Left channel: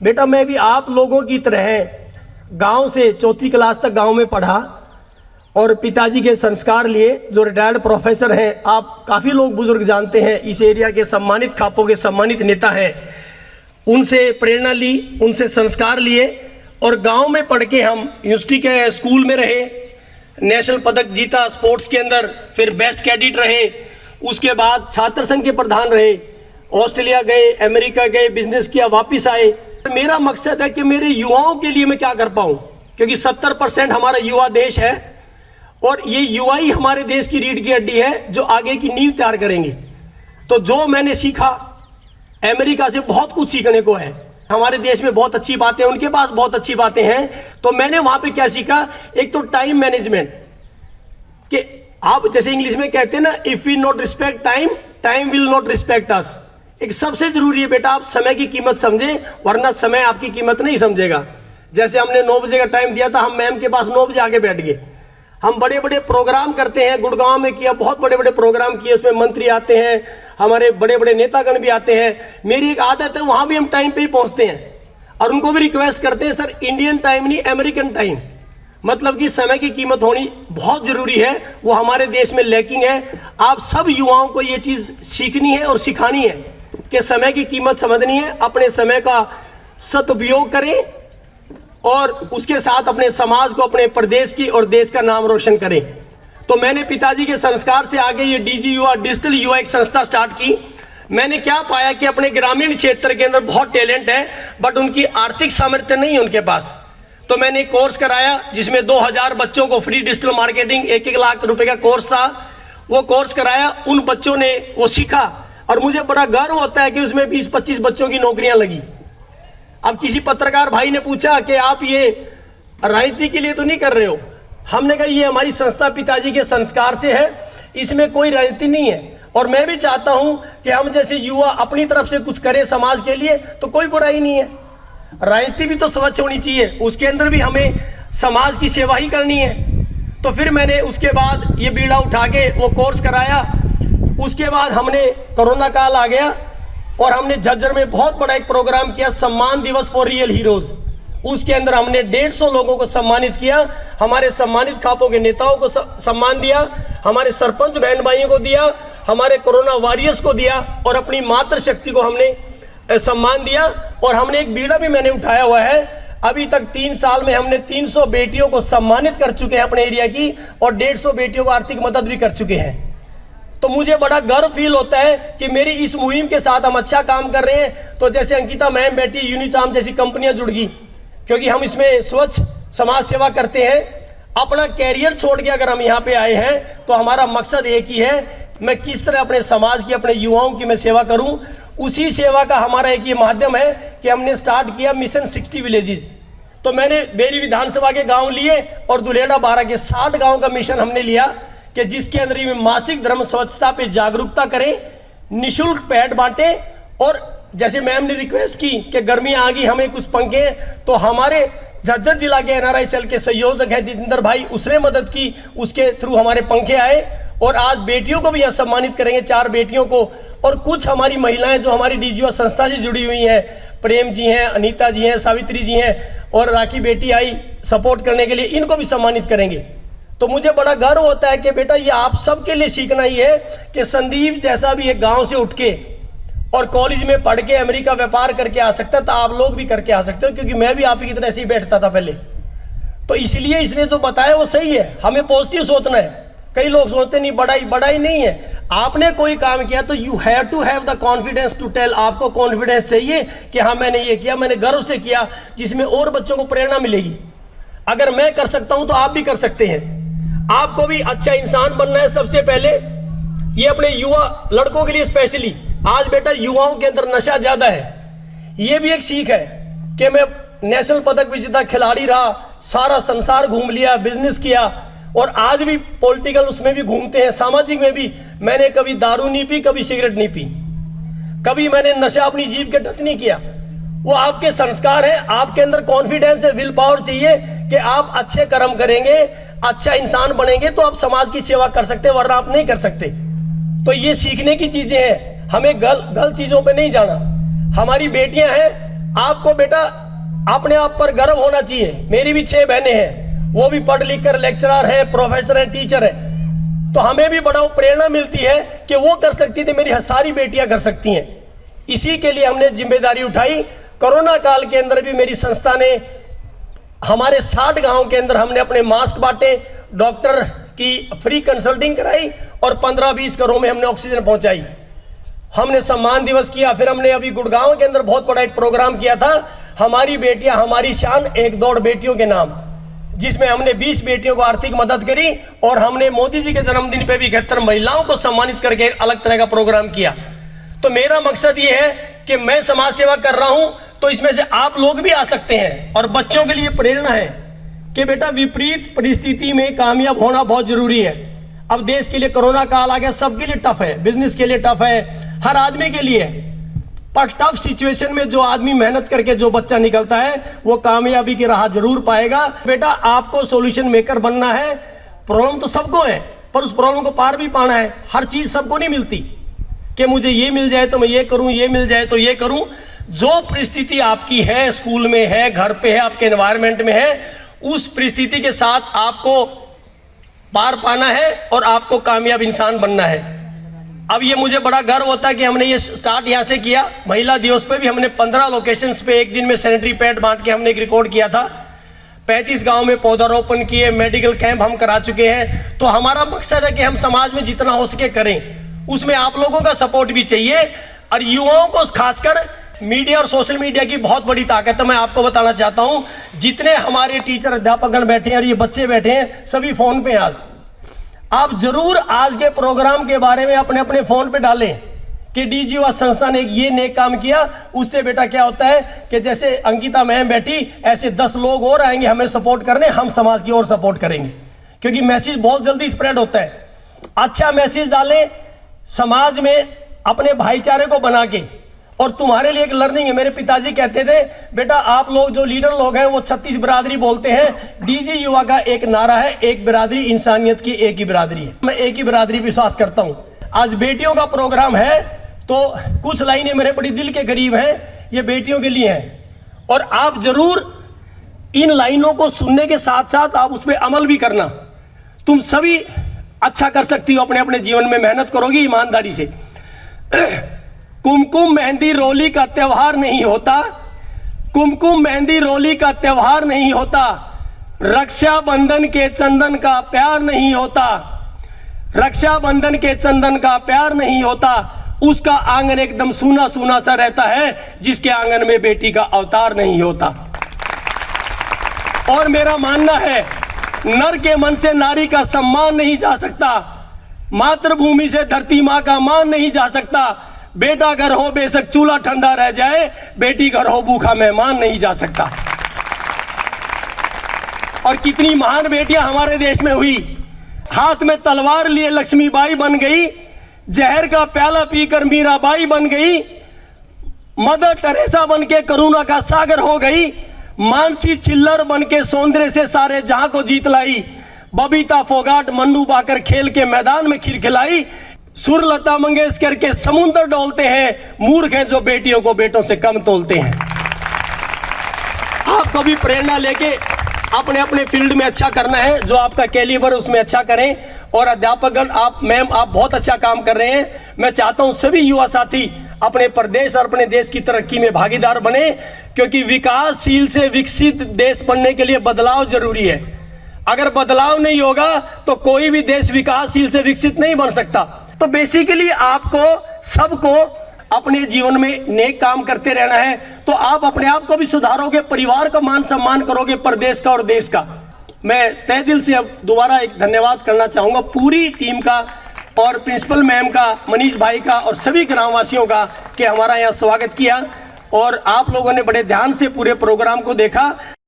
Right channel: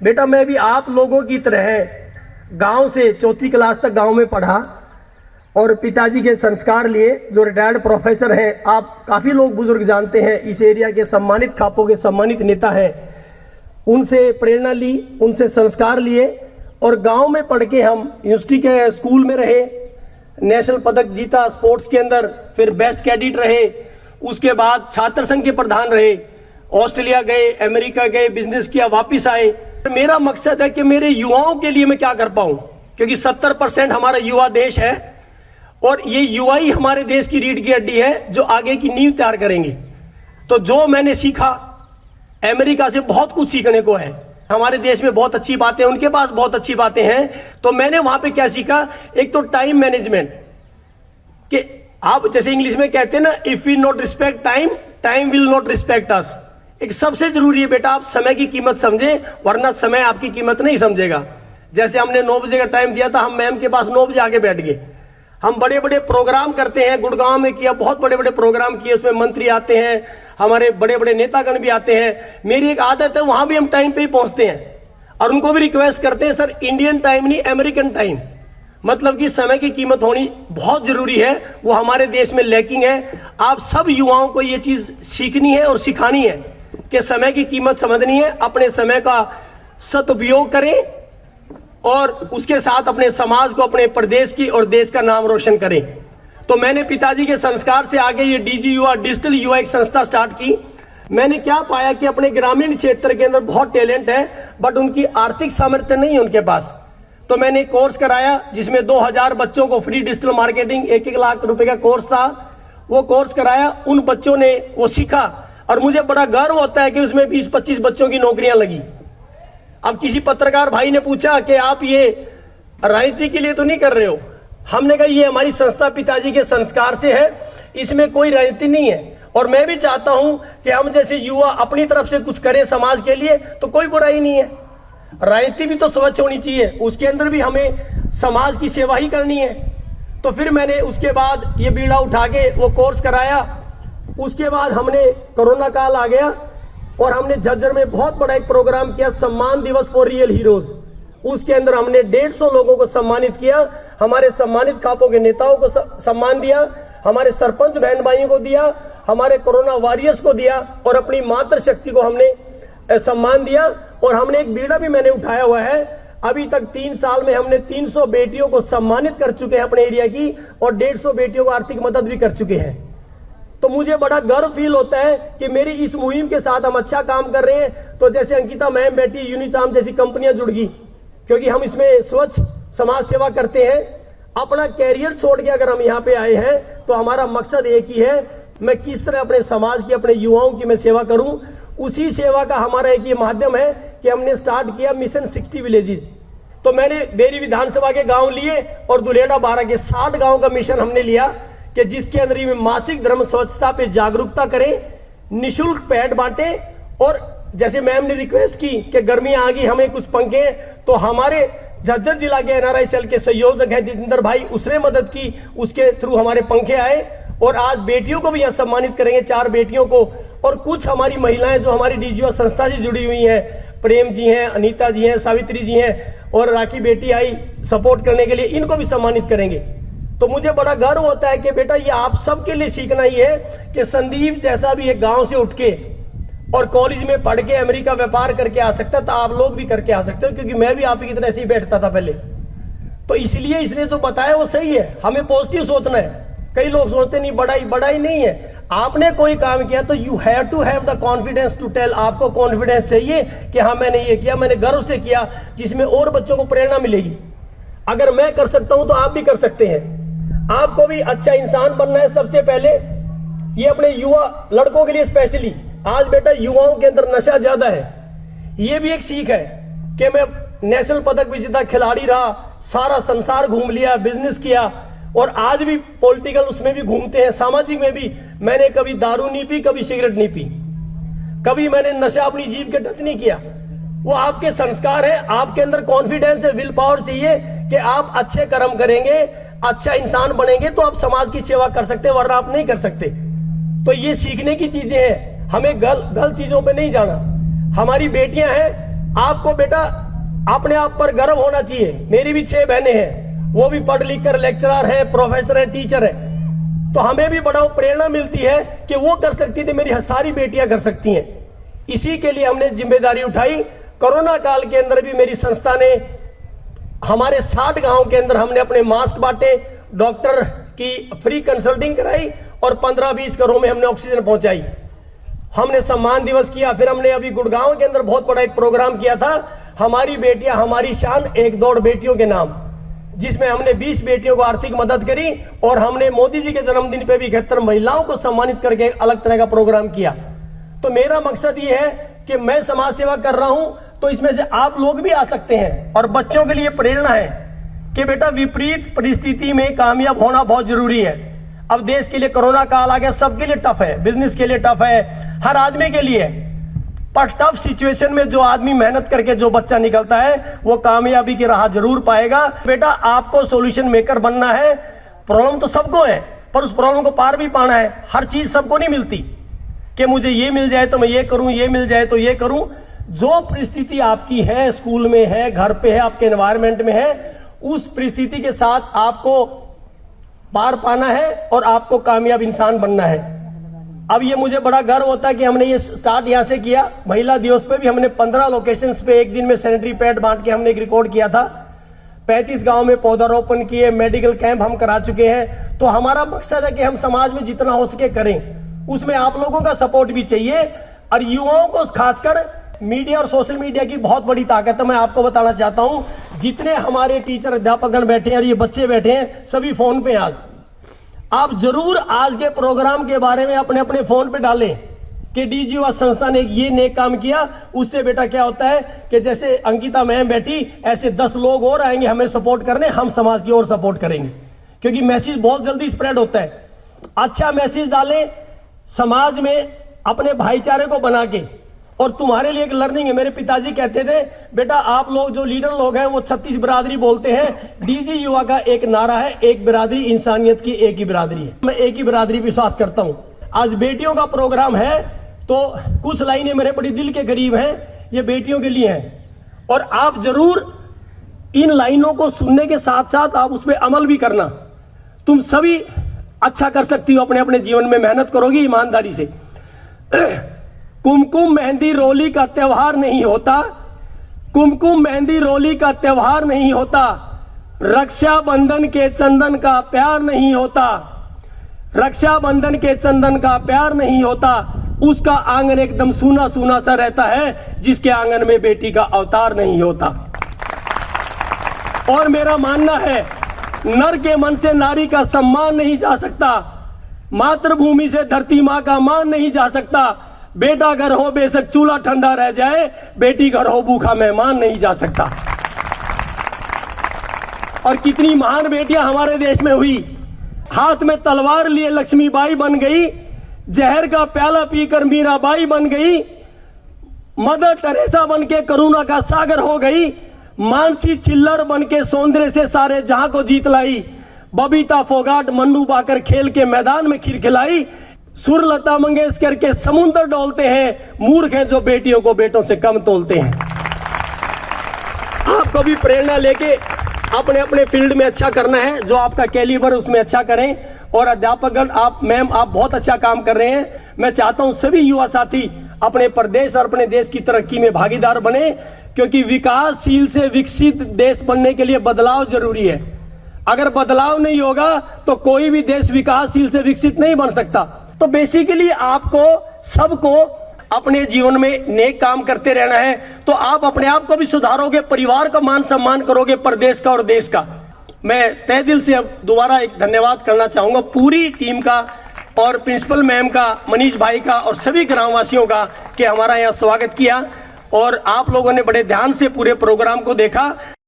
बेटा मैं भी आप लोगों की तरह गांव से चौथी क्लास तक गांव में पढ़ा और पिताजी के संस्कार लिए, जो रिटायर्ड प्रोफेसर हैं, आप काफ़ी लोग बुजुर्ग जानते हैं, इस एरिया के सम्मानित खापों के सम्मानित नेता हैं, उनसे प्रेरणा ली, उनसे संस्कार लिए और गांव में पढ़ के हम यूनिवर्सिटी के स्कूल में रहे, नेशनल पदक जीता स्पोर्ट्स के अंदर, फिर बेस्ट कैडेट रहे, उसके बाद छात्र संघ के प्रधान रहे, ऑस्ट्रेलिया गए, अमेरिका गए, बिजनेस किया, वापस आए। मेरा मकसद है कि मेरे युवाओं के लिए मैं क्या कर पाऊं, क्योंकि 70% हमारा युवा देश है और ये युवा ही हमारे देश की रीढ़ की हड्डी है जो आगे की नींव तैयार करेंगे। तो जो मैंने सीखा, अमेरिका से बहुत कुछ सीखने को है। हमारे देश में बहुत अच्छी बातें, उनके पास बहुत अच्छी बातें हैं। तो मैंने वहां पे क्या सीखा, एक तो टाइम मैनेजमेंट, कि आप जैसे इंग्लिश में कहते हैं ना, if we not respect time, time will not respect us. एक सबसे जरूरी है बेटा, आप समय की कीमत समझें, वरना समय आपकी कीमत नहीं समझेगा। जैसे हमने 9 बजे का टाइम दिया था, हम मैम के पास 9 बजे आके बैठ गए। हम बड़े बड़े प्रोग्राम करते हैं, गुड़गांव में किया, बहुत बड़े बड़े प्रोग्राम किए, उसमें मंत्री आते हैं, हमारे बड़े बड़े नेतागण भी आते हैं। मेरी एक आदत है, वहां भी हम टाइम पे ही पहुंचते हैं और उनको भी रिक्वेस्ट करते हैं, सर इंडियन टाइम नहीं, अमेरिकन टाइम। मतलब कि समय की कीमत होनी बहुत जरूरी है, वो हमारे देश में लैकिंग है। आप सब युवाओं को ये चीज सीखनी है और सिखानी है कि समय की कीमत समझनी है, अपने समय का सदुपयोग करें और उसके साथ अपने समाज को, अपने प्रदेश की और देश का नाम रोशन करें। तो मैंने पिताजी के संस्कार से आगे ये डीजी युवा, डिजिटल युवा एक संस्था स्टार्ट की। मैंने क्या पाया कि अपने ग्रामीण क्षेत्र के अंदर बहुत टैलेंट है, बट उनकी आर्थिक सामर्थ्य नहीं है उनके पास। तो मैंने एक कोर्स कराया जिसमें 2000 बच्चों को फ्री डिजिटल मार्केटिंग, 1-1 लाख रुपए का कोर्स था। वो कोर्स कराया, उन बच्चों ने वो सीखा और मुझे बड़ा गर्व होता है कि उसमें 20-25 बच्चों की नौकरियां लगी। अब किसी पत्रकार भाई ने पूछा कि आप ये राजनीति के लिए तो नहीं कर रहे हो? हमने कहा ये हमारी संस्था पिताजी के संस्कार से है, इसमें कोई राजनीति नहीं है। और मैं भी चाहता हूं कि हम जैसे युवा अपनी तरफ से कुछ करें समाज के लिए, तो कोई बुराई नहीं है। राजनीति भी तो स्वच्छ होनी चाहिए, उसके अंदर भी हमें समाज की सेवा ही करनी है। तो फिर मैंने उसके बाद ये बीड़ा उठा के वो कोर्स कराया। उसके बाद हमने कोरोना काल आ गया और हमने झज्जर में बहुत बड़ा एक प्रोग्राम किया, सम्मान दिवस फॉर रियल हीरोज। उसके अंदर हमने 150 लोगों को सम्मानित किया, हमारे सम्मानित खापों के नेताओं को सम्मान दिया, हमारे सरपंच बहन भाइयों को दिया, हमारे कोरोना वॉरियर्स को दिया और अपनी मातृशक्ति को हमने सम्मान दिया। और हमने एक बीड़ा भी मैंने उठाया हुआ है, अभी तक 3 साल में हमने 300 बेटियों को सम्मानित कर चुके हैं अपने एरिया की और 150 बेटियों को आर्थिक मदद भी कर चुके हैं। तो मुझे बड़ा गर्व फील होता है कि मेरी इस मुहिम के साथ हम अच्छा काम कर रहे हैं। तो जैसे अंकिता मैम बैठी, यूनिचार्म जैसी कंपनियां जुड़ गई, क्योंकि हम इसमें स्वच्छ समाज सेवा करते हैं। अपना कैरियर छोड़ के अगर हम यहाँ पे आए हैं तो हमारा मकसद एक ही है, मैं किस तरह अपने समाज की, अपने युवाओं की मैं सेवा करूं। उसी सेवा का हमारा एक ये माध्यम है कि हमने स्टार्ट किया मिशन 60 विलेजेस। तो मैंने बेरी विधानसभा के गांव लिए और दुलेड़ा 12 के 60 गांव का मिशन हमने लिया कि जिसके अंदर में मासिक धर्म स्वच्छता पे जागरूकता करें, निशुल्क पैड बांटे। और जैसे मैम ने रिक्वेस्ट की कि गर्मी आ गई, हमें कुछ पंखे, तो हमारे झज्जर जिला के एनआरआई सेल के संयोजक है जितेंद्र भाई, उसने मदद की, उसके थ्रू हमारे पंखे आए। और आज बेटियों को भी यहाँ सम्मानित करेंगे, 4 बेटियों को। और कुछ हमारी महिलाएं जो हमारी डीजीओ संस्था से जुड़ी हुई हैं, प्रेम जी हैं, अनीता जी हैं, सावित्री जी हैं और राखी बेटी आई सपोर्ट करने के लिए, इनको भी सम्मानित करेंगे। तो मुझे बड़ा गर्व होता है कि बेटा ये आप सबके लिए सीखना ही है कि संदीप जैसा भी एक गांव से उठ के और कॉलेज में पढ़ के अमेरिका व्यापार करके आ सकता है, तो आप लोग भी करके आ सकते हो, क्योंकि मैं भी आप की तरह ऐसे ही बैठता था पहले। तो इसलिए इसने जो बताया वो सही है, हमें पॉजिटिव सोचना है। कई लोग सोचते नहीं बड़ाई नहीं है। आपने कोई काम किया तो you have to have the confidence to tell. आपको कॉन्फिडेंस चाहिए कि हाँ मैंने ये किया, मैंने गर्व से किया, जिसमें और बच्चों को प्रेरणा मिलेगी। अगर मैं कर सकता हूं तो आप भी कर सकते हैं। आपको भी अच्छा इंसान बनना है। सबसे पहले ये अपने युवा लड़कों के लिए स्पेशली, आज बेटा युवाओं के अंदर नशा ज्यादा है। ये भी एक सीख है कि मैं नेशनल पदक विजेता खिलाड़ी रहा, सारा संसार घूम लिया, बिजनेस किया और आज भी पॉलिटिकल उसमें भी घूमते हैं, सामाजिक में भी। मैंने कभी दारू नहीं पी, कभी सिगरेट नहीं पी, कभी मैंने नशा अपनी जीभ के टच नहीं किया। वो आपके संस्कार है, आपके अंदर कॉन्फिडेंस है, विल पावर चाहिए कि आप अच्छे कर्म करेंगे, अच्छा इंसान बनेंगे तो आप समाज की सेवा कर सकते हैं, वरना आप नहीं कर सकते। तो ये सीखने की चीजें हैं, हमें गलत चीजों पे नहीं जाना। हमारी बेटियां हैं, आपको बेटा अपने आप पर गर्व होना चाहिए। मेरी भी 6 बहनें हैं, वो भी पढ़ लिख कर लेक्चरर है, प्रोफेसर है, टीचर है, तो हमें भी बड़ा प्रेरणा मिलती है कि वो कर सकती थी, मेरी सारी बेटियां कर सकती हैं। इसी के लिए हमने जिम्मेदारी उठाई। कोरोना काल के अंदर भी मेरी संस्था ने हमारे 60 गांव के अंदर हमने अपने मास्क बांटे, डॉक्टर की फ्री कंसल्टिंग कराई और 15-20 घरों में हमने ऑक्सीजन पहुंचाई। हमने सम्मान दिवस किया। फिर हमने अभी गुड़गांव के अंदर बहुत बड़ा एक प्रोग्राम किया था, हमारी बेटियां हमारी शान, एक दौड़ बेटियों के नाम, जिसमें हमने 20 बेटियों को आर्थिक मदद करी और हमने मोदी जी के जन्मदिन पे भी 71 महिलाओं को सम्मानित करके अलग तरह का प्रोग्राम किया। तो मेरा मकसद ये है कि मैं समाज सेवा कर रहा हूं, तो इसमें से आप लोग भी आ सकते हैं। और बच्चों के लिए प्रेरणा है कि बेटा विपरीत परिस्थिति में कामयाब होना बहुत जरूरी है। अब देश के लिए कोरोना काल आ गया, सबके लिए टफ है, बिजनेस के लिए टफ है, हर आदमी के लिए। पर टफ सिचुएशन में जो आदमी मेहनत करके जो बच्चा निकलता है वो कामयाबी की राह जरूर पाएगा। बेटा आपको सॉल्यूशन मेकर बनना है। प्रॉब्लम तो सबको है, पर उस प्रॉब्लम को पार भी पाना है। हर चीज सबको नहीं मिलती कि मुझे ये मिल जाए तो मैं ये करूं, ये मिल जाए तो ये करूं। जो परिस्थिति आपकी है, स्कूल में है, घर पे है, आपके एनवायरमेंट में है, उस परिस्थिति के साथ आपको पार पाना है और आपको कामयाब इंसान बनना है। अब ये मुझे बड़ा गर्व होता है कि हमने ये स्टार्ट यहाँ से किया। महिला दिवस पे भी हमने 15 लोकेशंस पे एक दिन में सैनिटरी पैड बांट के हमने एक रिकॉर्ड किया था। 35 गांव में पौधारोपण किए, मेडिकल कैंप हम करा चुके हैं। तो हमारा मकसद है कि हम समाज में जितना हो सके करें। उसमें आप लोगों का सपोर्ट भी चाहिए और युवाओं को खासकर मीडिया और सोशल मीडिया की बहुत बड़ी ताकत है। मैं आपको बताना चाहता हूं, जितने हमारे टीचर अध्यापकगण बैठे हैं और ये बच्चे बैठे हैं, सभी फोन पे। आज आप जरूर आज के प्रोग्राम के बारे में अपने अपने फोन पे डालें कि डीजी युवा संस्था ने ये नेक काम किया। उससे बेटा क्या होता है कि जैसे अंकिता मैम बैठी, ऐसे 10 लोग और आएंगे हमें सपोर्ट करने, हम समाज की ओर सपोर्ट करेंगे, क्योंकि मैसेज बहुत जल्दी स्प्रेड होता है। अच्छा मैसेज डालें समाज में, अपने भाईचारे को बना के। और तुम्हारे लिए एक लर्निंग है। मेरे पिताजी कहते थे, बेटा आप लोग जो लीडर लोग हैं वो 36 बिरादरी बोलते हैं। डीजी युवा का एक नारा है, एक बिरादरी इंसानियत की एक ही बिरादरी है। मैं एक ही बिरादरी विश्वास करता हूं। आज बेटियों का प्रोग्राम है तो कुछ लाइनें मेरे बड़ी दिल के करीब हैं, ये बेटियों के लिए हैं। और आप जरूर इन लाइनों को सुनने के साथ साथ आप उस पर अमल भी करना। तुम सभी अच्छा कर सकती हो अपने अपने जीवन में, मेहनत करोगी ईमानदारी से। कुमकुम मेहंदी रोली का त्योहार नहीं होता, कुमकुम मेहंदी रोली का त्योहार नहीं होता, रक्षाबंधन के चंदन का प्यार नहीं होता, रक्षाबंधन के चंदन का प्यार नहीं होता। उसका आंगन एकदम सूना सूना सा रहता है जिसके आंगन में बेटी का अवतार नहीं होता। और मेरा मानना है, नर के मन से नारी का सम्मान नहीं जा सकता, मातृभूमि से धरती मां का मान नहीं जा सकता। बेटा घर हो बेशक चूल्हा ठंडा रह जाए, बेटी घर हो भूखा मेहमान नहीं जा सकता। और कितनी महान बेटियां हमारे देश में हुई। हाथ में तलवार लिए लक्ष्मीबाई बन गई, जहर का प्याला पीकर मीराबाई बन गई, मदर टेरेसा बन के करुणा का सागर हो गई, मानसी चिल्लर बन के सौंदर्य से सारे जहां को जीत लाई, बबीता फोगाट मन्नू बाकर खेल के मैदान में खिलखिलाई। सुर लता मंगेशकर के समुद्र डोलते हैं, मूर्ख हैं जो बेटियों को बेटों से कम तोलते हैं। आपको भी प्रेरणा लेके अपने अपने फील्ड में अच्छा करना है, जो आपका कैलिबर उसमें अच्छा करें। और अध्यापकगण, आप मैम आप बहुत अच्छा काम कर रहे हैं। मैं चाहता हूं सभी युवा साथी अपने प्रदेश और अपने देश की तरक्की में भागीदार बने, क्योंकि विकासशील से विकसित देश बनने के लिए बदलाव जरूरी है। अगर बदलाव नहीं होगा तो कोई भी देश विकासशील से विकसित नहीं बन सकता। तो बेसिकली आपको सबको अपने जीवन में नेक काम करते रहना है, तो आप अपने आप को भी सुधारोगे, परिवार का मान सम्मान करोगे, प्रदेश का और देश का। मैं तहे दिल से अब दोबारा एक धन्यवाद करना चाहूंगा पूरी टीम का और प्रिंसिपल मैम का, मनीष भाई का और सभी ग्रामवासियों का कि हमारा यहाँ स्वागत किया और आप लोगों ने बड़े ध्यान से पूरे प्रोग्राम को देखा।